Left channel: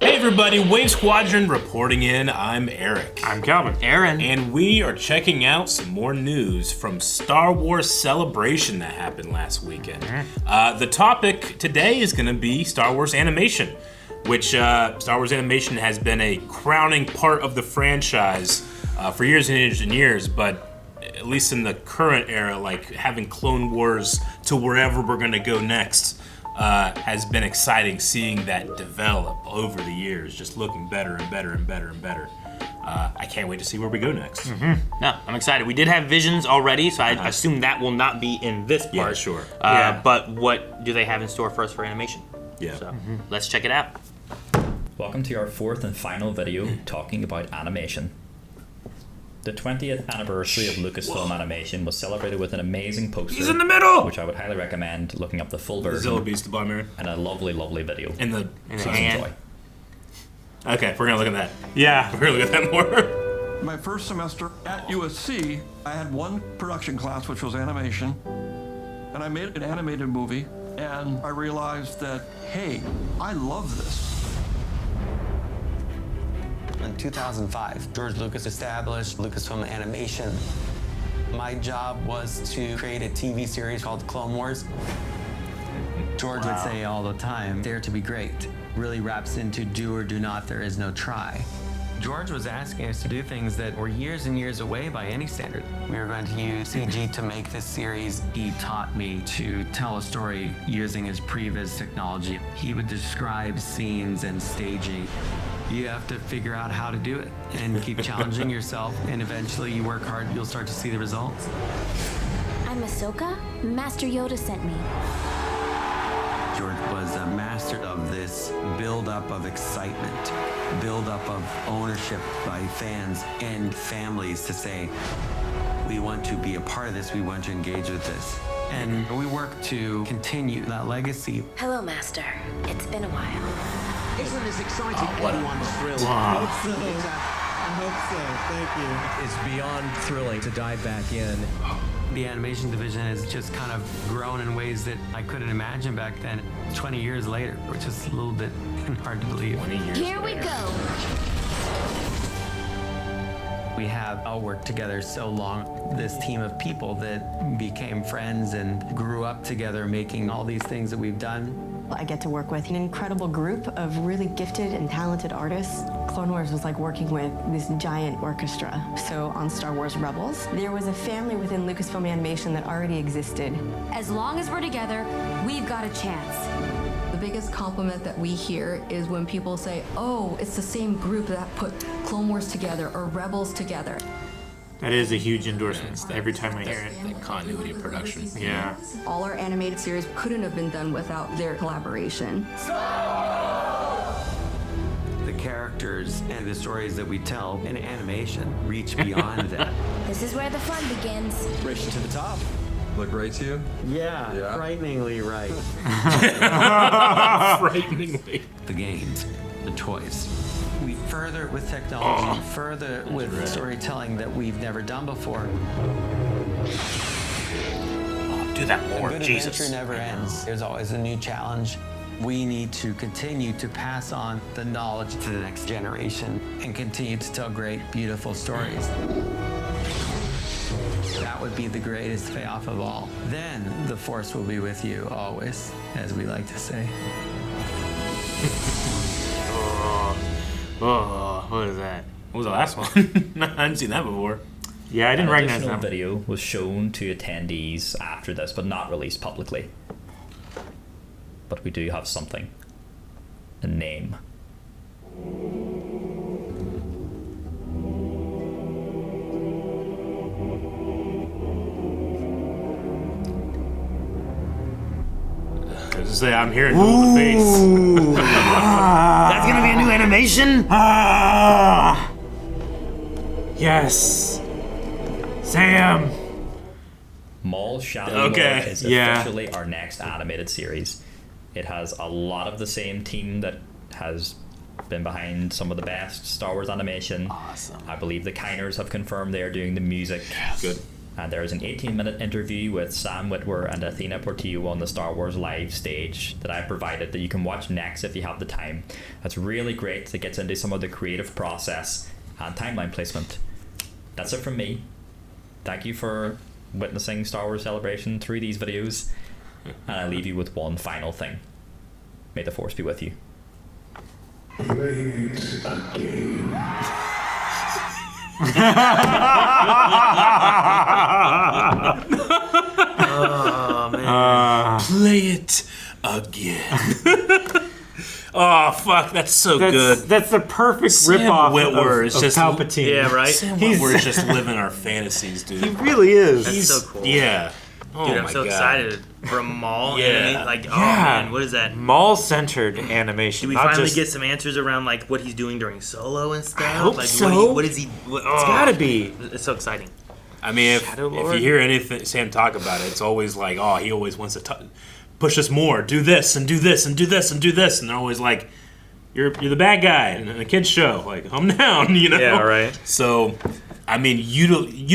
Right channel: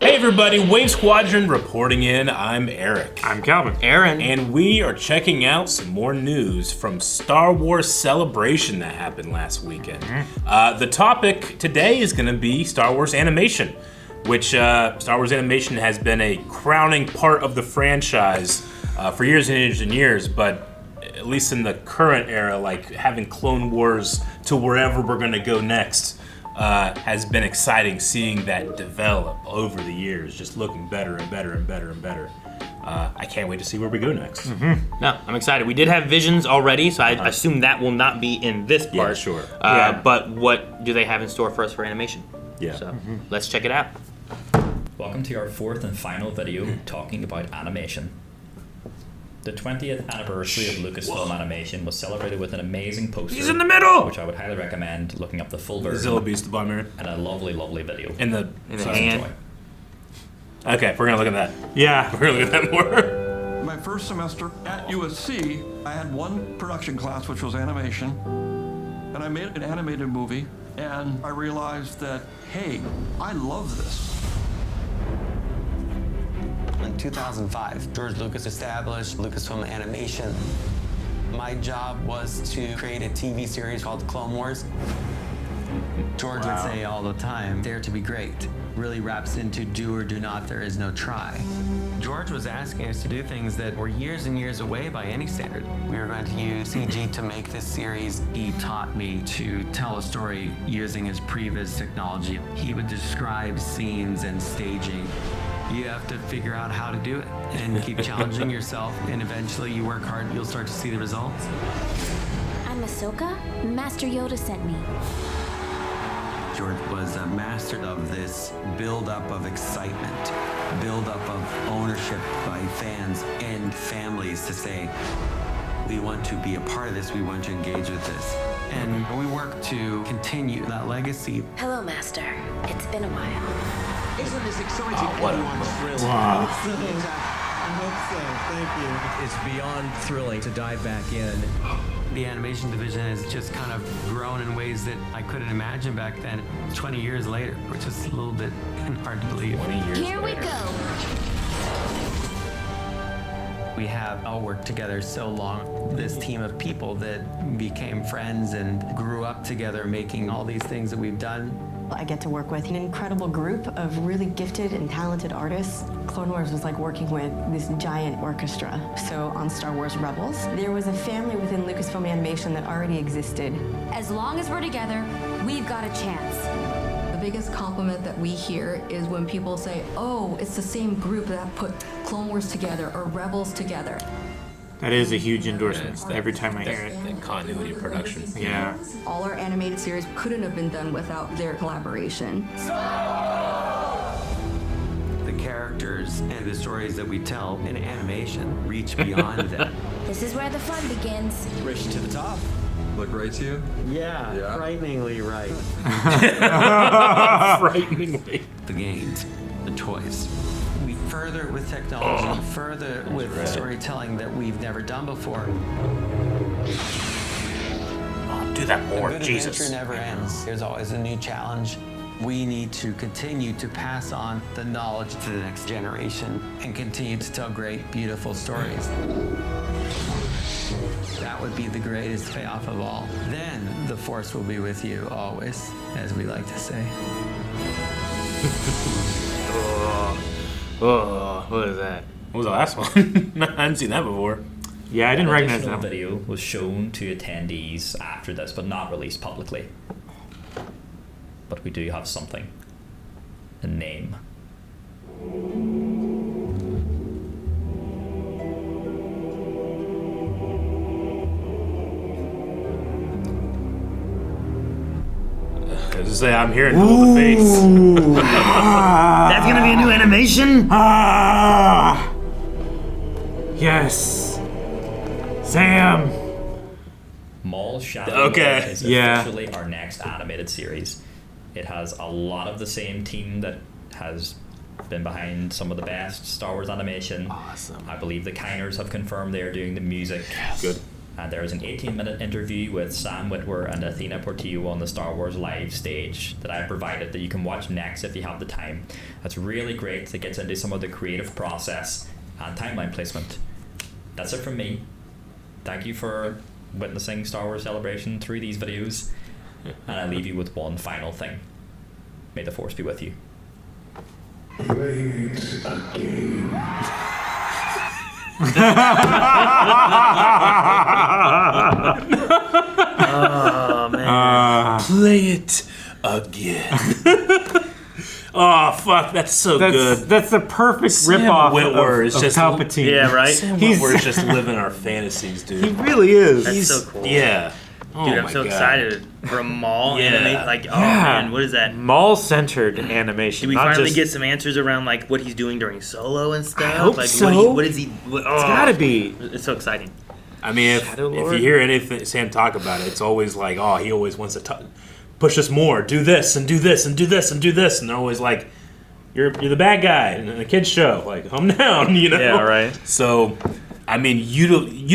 Hey everybody, Wave Squadron reporting in. I'm Eric. I'm Calvin. Aaron. And we are checking out some more news from Star Wars Celebration that happened last weekend. The topic today is going to be Star Wars Animation, which Star Wars Animation has been a crowning part of the franchise for years and years and years, but at least in the current era, like having Clone Wars to wherever we're going to go next, has been exciting seeing that develop over the years, just looking better and better and better and better. I can't wait to see where we go next. No, I'm excited. We did have visions already, so I assume that will not be in this part. Yeah, sure. But what do they have in store for us for animation? Yeah. So let's check it out. Welcome to our fourth and final video talking about animation. The 20th anniversary of Lucasfilm Animation was celebrated with an amazing poster. He's in the middle! Which I would highly recommend looking up the full version. Zilla Beast to Bomber. And a lovely, lovely video. So enjoy. Okay, we're gonna look at that. Yeah. We're gonna look at that more. My first semester at USC, I had one production class, which was animation, and I made an animated movie, and I realized that, hey, I love this. In 2005, George Lucas established Lucasfilm Animation. My job was to create a TV series called Clone Wars. George would say all the time, dare to be great. Really wraps into do or do not, there is no try. George was asking us to do things that were years and years away by any standard. We were going to use CG to make this series. He taught me to tell a story using his previs technology. He would describe scenes and staging. You have to figure out how to do it and keep challenging yourself, and eventually you work hard, you'll start to see the results. I'm Ahsoka. Master Yoda sent me. George was a master of this build-up of excitement, build-up of ownership by fans and families to say, we want to be a part of this, we want to engage with this. And we work to continue that legacy. Hello, Master. It's been a while. Isn't this exciting? Everyone's thrilled. I hope so. Thank you. It's beyond thrilling to dive back in. The animation division has just kind of grown in ways that I couldn't imagine back then. 20 years later, which is a little bit hard to believe. Here we go. We have all worked together so long, this team of people that became friends and grew up together making all these things that we've done. I get to work with an incredible group of really gifted and talented artists. Clone Wars was like working with this giant orchestra. So on Star Wars Rebels, there was a family within Lucasfilm Animation that already existed. As long as we're together, we've got a chance. The biggest compliment that we hear is when people say, oh, it's the same group that put Clone Wars together or Rebels together. That is a huge endorsement every time I hear it. That continuity production. Yeah. All our animated series couldn't have been done without their collaboration. The characters and the stories that we tell in animation reach beyond that. This is where the fun begins. Race to the top. Look right to you? Yeah, frighteningly right. Frighteningly. The games, the toys. We further with technology, further with storytelling that we've never done before. Do that more, A good Jesus. adventure never ends. There's always a new challenge. We need to continue to pass on the knowledge to the next generation and continue to tell great, beautiful stories. That would be the greatest payoff of all. Then the Force will be with you always, as we like to say. Oh, what is that? What was the last one? I hadn't seen that before. Yeah, I An didn't recognize additional that. video was shown to attendees after this, but not released publicly. But we do have something. A name. I just say I'm here and doing the face. That's gonna be a new animation? Yes. Sam. Maul Shadow Okay. Lord is Yeah. officially our next animated series. It has a lot of the same team that has been behind some of the best Star Wars animation. Awesome. I believe the Kiners have confirmed they are doing the music. Good. And there is an 18-minute interview with Sam Witwer and Athena Portillo on the Star Wars live stage that I provided that you can watch next if you have the time. That's really great. It gets into some of the creative process and timeline placement. That's it from me. Thank you for witnessing Star Wars Celebration through these videos. And I leave you with one final thing. May the Force be with you. Play it again. Oh, man. Play it again. Oh, fuck, that's so good. That's the perfect Sam ripoff Witwer of is just Palpatine. Yeah, right? Sam Witwer is just living our fantasies, dude. He really is. That's so cool. Yeah. Oh Dude, I'm my so God. excited for a Maul Yeah. anime. Like, oh man, what is that? Maul-centered animation. Did we not finally just, get some answers around like what he's doing during Solo and stuff? I hope like, so. What is he? It's gotta be. It's so exciting. I mean, if Shadow you Lord? hear anything Sam talk about it, it's always like, oh, he always wants to push us more, do this and do this and do this and do this, and they're always like, you're the bad guy in a kid's show, like calm down, you know? Yeah, right. So, I mean, you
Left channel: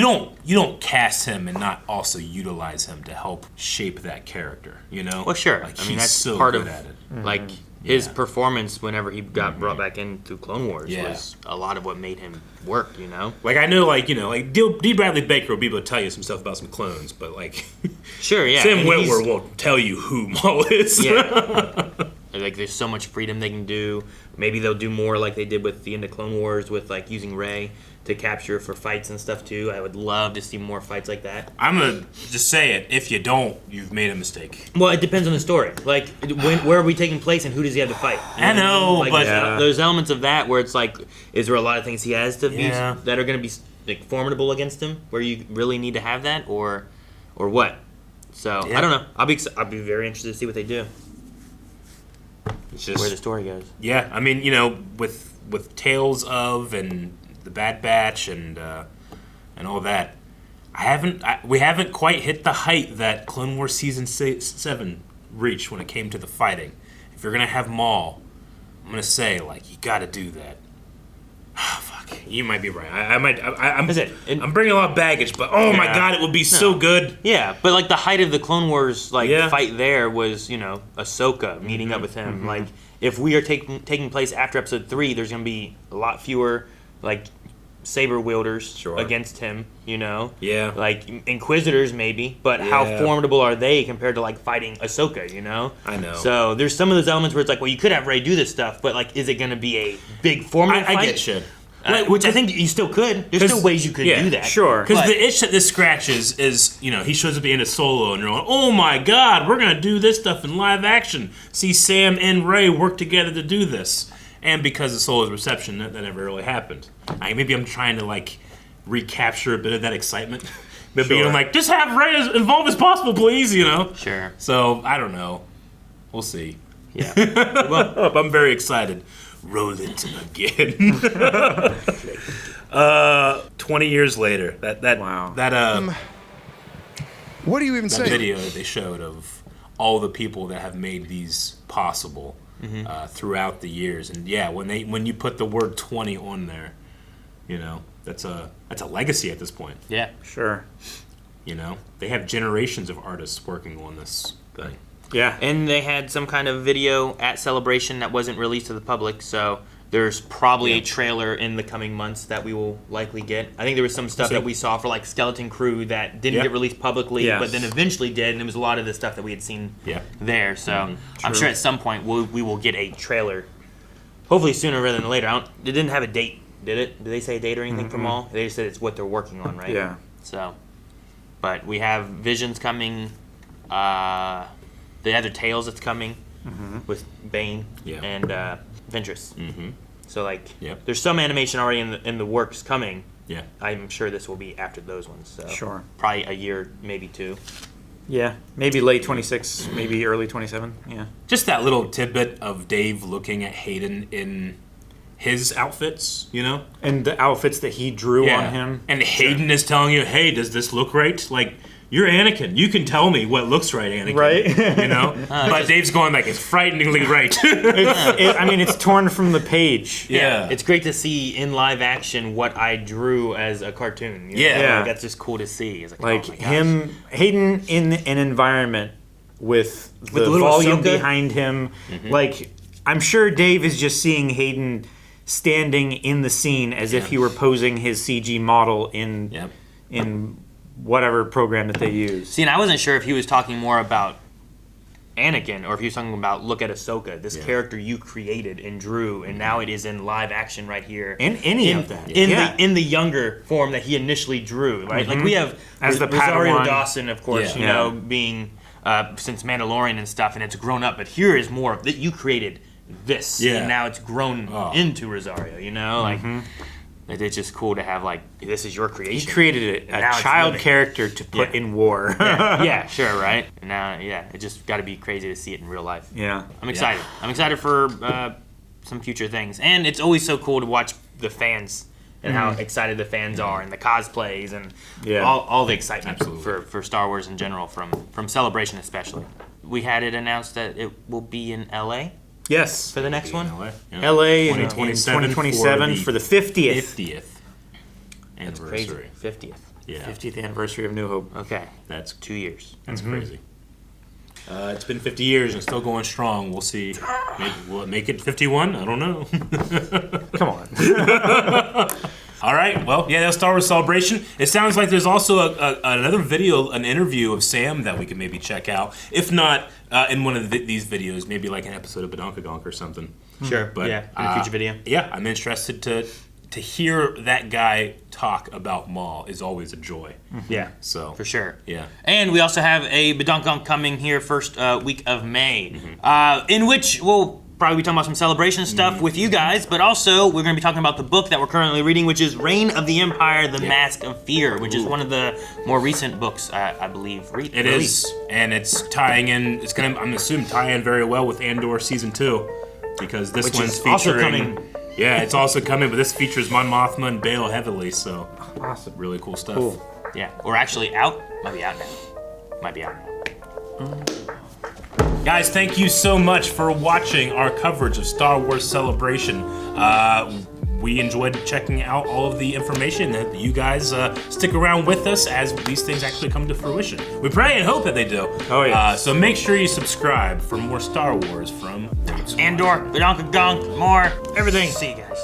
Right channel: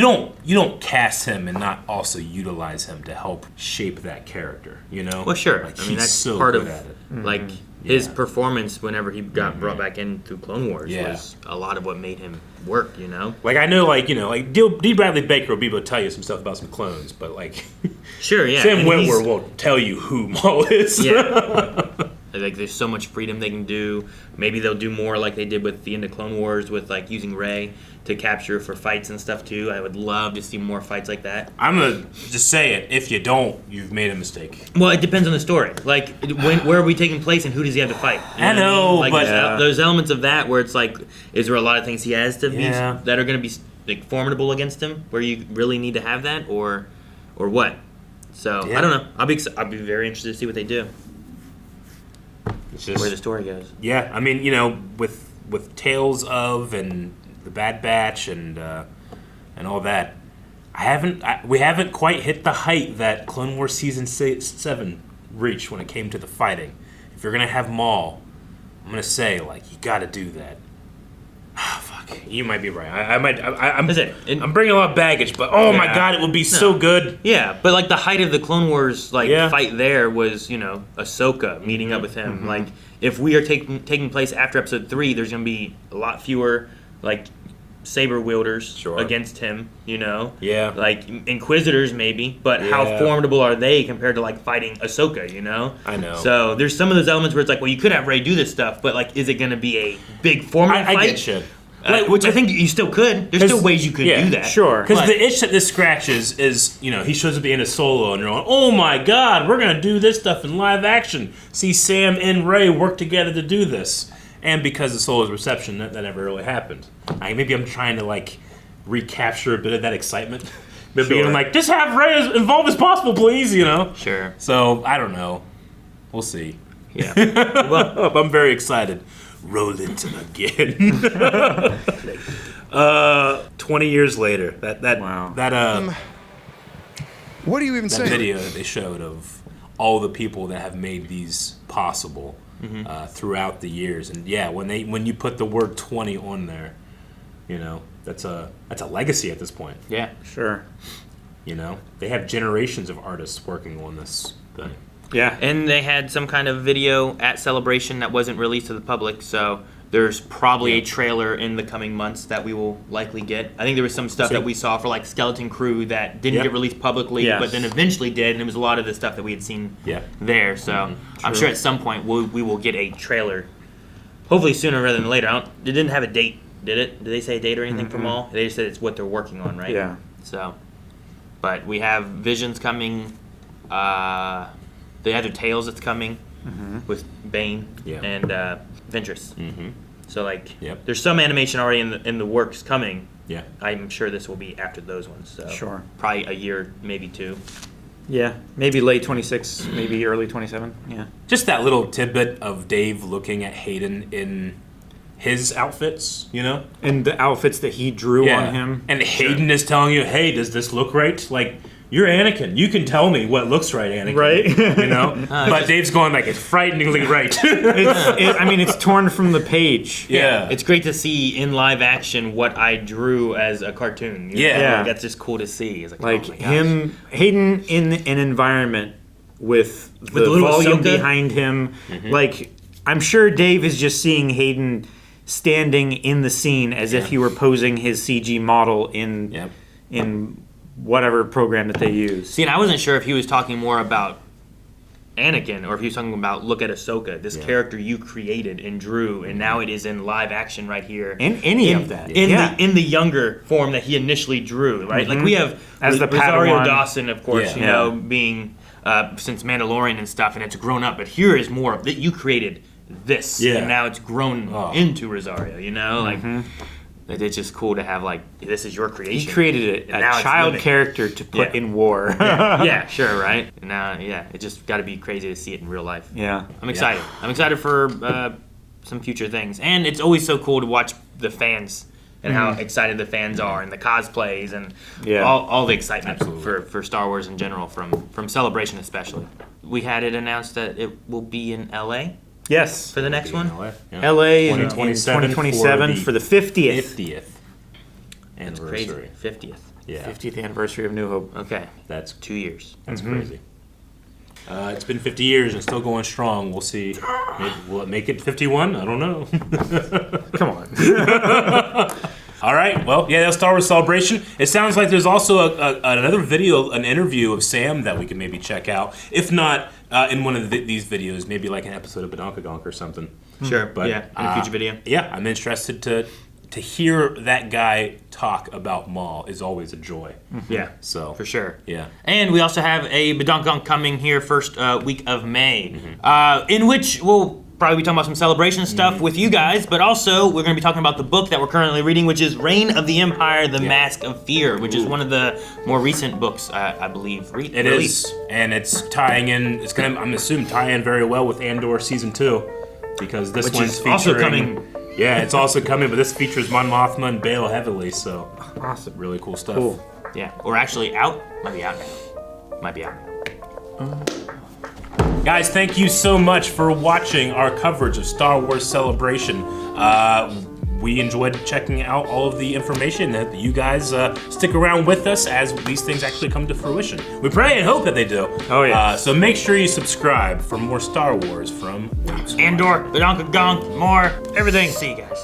don't cast him and not also utilize him to help shape that character, you know? Well, sure. Like, I mean, he's that's so part good of at it. like his Yeah. performance whenever he got brought back in through Clone Wars Yeah. was a lot of what made him work. You know. Like, I know, like, you know, like D. Bradley Baker will be able to tell you some stuff about some clones, but like, Sure. Yeah. Sam and Witwer won't tell you who Maul is. Yeah. Like there's so much freedom they can do. Maybe they'll do more like they did with the end of Clone Wars with like using Rey to capture for fights and stuff too. I would love to see more fights like that. I'm gonna just say it. If you don't, you've made a mistake. Well, it depends on the story. Like, where are we taking place and who does he have to fight? I know, like, but there's elements of that where it's like, is there a lot of things he has to be Yeah. that are going to be like formidable against him, where you really need to have that, or what? So Yeah. I don't know. I'll be very interested to see what they do, it's just where the story goes. yeah. I mean, you know, with Tales of and the Bad Batch and all that, we haven't quite hit the height that Clone Wars season 7 reached when it came to the fighting. If you're gonna have Maul, I'm gonna say like you got to do that. Fuck, you might be right. I'm bringing a lot of baggage, but oh my god, it would be so good. Yeah, but like the height of the Clone Wars like Yeah. fight there was, you know, Ahsoka meeting up with him. Like if we are taking place after episode 3, there's gonna be a lot fewer like saber wielders against him, you know? Yeah. Like Inquisitors maybe, but how formidable are they compared to like fighting Ahsoka, you know? I know. So there's some of those elements where it's like, well, you could have Rey do this stuff, but like, is it gonna be a big formidable fight? I get you. Which I think you still could. There's still ways you could do that. Sure. Because But- the itch that this scratches is, you know, he shows up at the end of Solo and you're like, oh my god, we're going to do this stuff in live action. See Sam and Rey work together to do this. And because of Solo's reception, that never really happened. Maybe I'm trying to, like, recapture a bit of that excitement. Maybe I'm like, just have Rey as involved as possible, please, you know? Sure. So, I don't know. We'll see. Yeah. I'm very excited. Roll it again. 20 years later, what do you even that say? video that they showed of all the people that have made these possible throughout the years, and yeah, when you put the word 20 on there, you know, that's a legacy at this point. Yeah. Sure. You know, they have generations of artists working on this thing. Yeah. And they had some kind of video at Celebration that wasn't released to the public, so there's probably a trailer in the coming months that we will likely get. I think there was some stuff that we saw for like Skeleton Crew that didn't get released publicly, but then eventually did, and it was a lot of the stuff that we had seen there. So I'm sure at some point we will get a trailer. Hopefully sooner rather than later. It didn't have a date, did it? Did they say a date or anything for Maul? They just said it's what they're working on, right? Yeah. So, but we have Visions coming. The other Tales that's coming with Bane and Ventress. So like, there's some animation already in the works coming. Yeah. I'm sure this will be after those ones. So Sure. Probably a year, maybe 2. Yeah, maybe late 26, maybe early 27. Yeah. Just that little tidbit of Dave looking at Hayden in his outfits, you know? And the outfits that he drew on him. And Hayden is telling you, hey, does this look right? Like, you're Anakin. You can tell me what looks right, Anakin. Right. You know? But Dave's going like, it's frighteningly right. It's torn from the page. Yeah. It's great to see in live action what I drew as a cartoon. You Yeah. know? Yeah. Like, that's just cool to see. It's Like oh my gosh. Hayden in an environment with the the little volume Ahsoka? behind him. Like, I'm sure Dave is just seeing Hayden standing in the scene as if he were posing his CG model in whatever program that they use. See, and I wasn't sure if he was talking more about Anakin or if he was talking about look at Ahsoka, this character you created and drew, and now it is in live action right here. In any of that. In the younger form that he initially drew, right? Like we have As the Rosario Padawan. Dawson, of course, you know, being since Mandalorian and stuff, and it's grown up. But here is more of that you created this, and now it's grown into Rosario. You know, like it's just cool to have like this is your creation. He created a child character to put in war. Yeah, sure, right? Now, it just got to be crazy to see it in real life. Yeah. I'm excited. I'm excited for some future things, and it's always so cool to watch the fans and how excited the fans are, and the cosplays, and all the excitement for Star Wars in general, from Celebration especially. We had it announced that it will be in LA. Yes. For the next one? LA in 2027 for the 50th anniversary. 50th. Yeah. 50th anniversary of New Hope. Okay. That's 2 years. That's crazy. It's been 50 years and still going strong. We'll see. Maybe will it make it 51? I don't know. Come on. All right. Well, that's Star Wars Celebration. It sounds like there's also another video, an interview of Sam that we can maybe check out. If not in one of these videos, maybe like an episode of Badonkagonk or something. Sure. But in a future video. Yeah, I'm interested to hear that guy talk about Maul is always a joy. Yeah. So for sure. Yeah. And we also have a Badonkagonk coming here first week of May, in which we'll probably be talking about some celebration stuff with you guys, but also we're going to be talking about the book that we're currently reading, which is Reign of the Empire, The Mask of Fear, which is one of the more recent books, I believe. It is, and it's tying in, it's going to, I'm assuming, tie in very well with Andor Season 2, because this Which one's is also featuring... coming. Yeah, it's also coming, but this features Mon Mothma and Bail heavily, so awesome. Really cool stuff. Cool. Yeah, or actually out. Might be out now. Might be out now. Guys, thank you so much for watching our coverage of Star Wars Celebration. We enjoyed checking out all of the information that you guys stick around with us as these things actually come to fruition. We pray and hope that they do. Oh, yeah. So make sure you subscribe for more Star Wars from Andor, Badonkagonk, more everything. See you guys.